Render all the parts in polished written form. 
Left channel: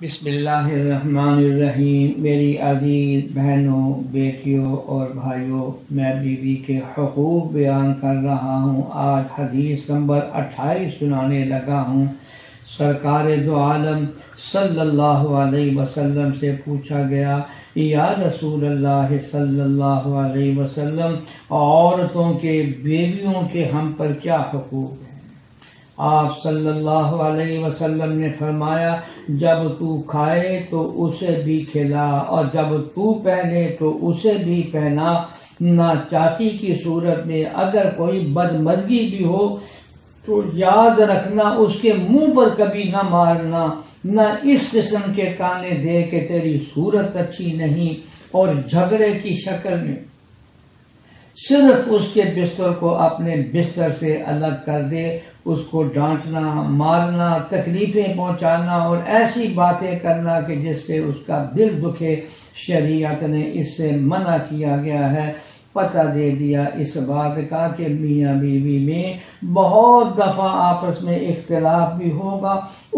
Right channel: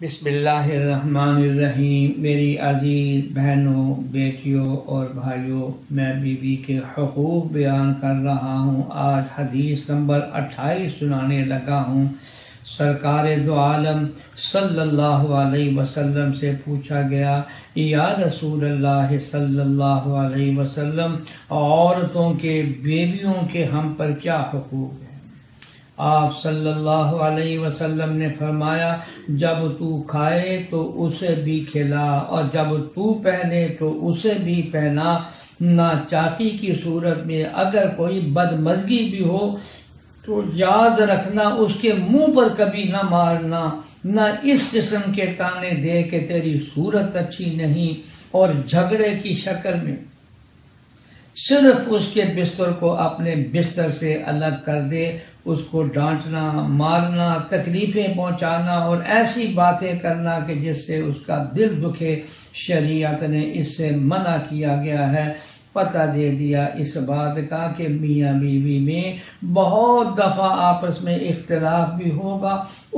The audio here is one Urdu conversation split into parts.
بسم اللہ الرحمن الرحیم۔ میری عزیز بہنوں، بیٹیوں اور بھائیوں، میں بیوی کے حقوق بیان کر رہا ہوں۔ آج حدیث نمبر 28 سنانے لگا ہوں۔ سرکار دو عالم صلی اللہ علیہ وسلم سے پوچھا گیا، یا رسول اللہ صلی اللہ علیہ وسلم، عورتوں کے بیویوں کے ہم پر کیا حقوق ہیں؟ آپ صلی اللہ علیہ وسلم نے فرمایا، جب تو کھائے تو اسے بھی کھلا، اور جب تو پہنے تو اسے بھی پہنا۔ ناچاکی کی صورت میں اگر کوئی بدمزگی بھی ہو تو یاد رکھنا اس کے منہ پر کبھی نہ مارنا، نہ اس قسم کے تانے دے کہ تیری صورت اچھی نہیں، اور جھگڑے کی شکل میں صرف اس کے بستر کو اپنے بستر سے الگ کر دے۔ اس کو ڈانٹنا، مارنا، تکلیفیں پہنچانا اور ایسی باتیں کرنا کہ جس سے اس کا دل دکھے، شریعت نے اس سے منع کیا گیا ہے۔ پتہ دے دیا اس بات کا کہ میاں بیوی میں بہت دفعہ آپس میں اختلاف بھی ہوگا۔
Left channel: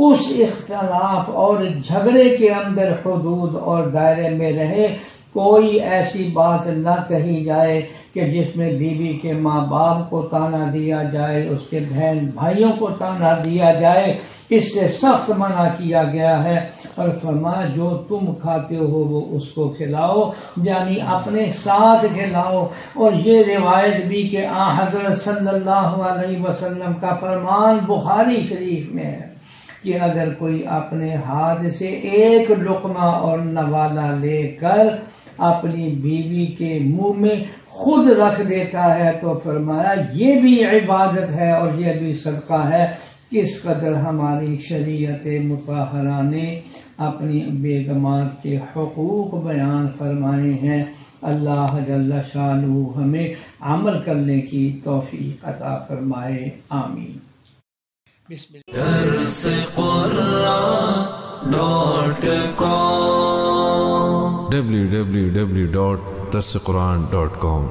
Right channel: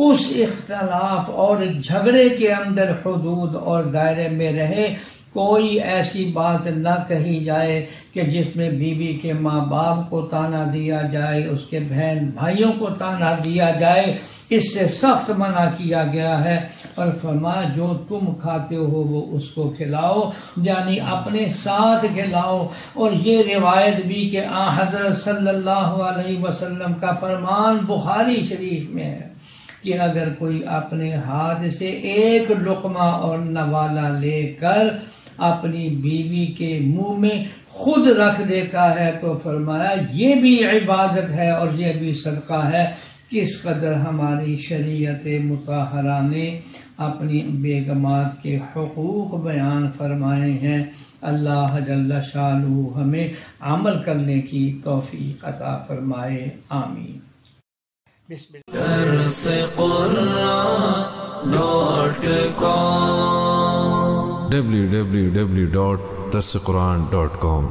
اس اختلاف اور جھگڑے کے اندر حدود اور دائرے میں رہے، کوئی ایسی بات نہ کہی جائے کہ جس میں بیوی کے ماں باپ کو تانا دیا جائے، اس کے بہن بھائیوں کو تانا دیا جائے۔ اس سے سخت منع کیا گیا ہے، اور فرمایا جو تم کھاتے ہو وہ اس کو کھلاؤ، یعنی اپنے ساتھ کھلاؤ۔ اور یہ روایت بھی کہ حضرت صلی اللہ علیہ وسلم کا فرمان بخاری شریف میں ہے کہ اگر کوئی اپنے ہاتھ سے ایک لقمہ اور نوالا لے کر اپنی بیوی کے منہ میں خود رکھ دیتا ہے تو فرمایا یہ بھی عبادت ہے اور یہ بھی صدقہ ہے۔ کس قدر ہماری شریعت مطہرہ نے اپنی بیگمات کے حقوق بیان فرمائے ہیں۔ اللہ جل شانہ ہمیں عمل کرنے کی توفیق عطا فرمائے، آمین۔ درس قرآن www.درسقرآن.com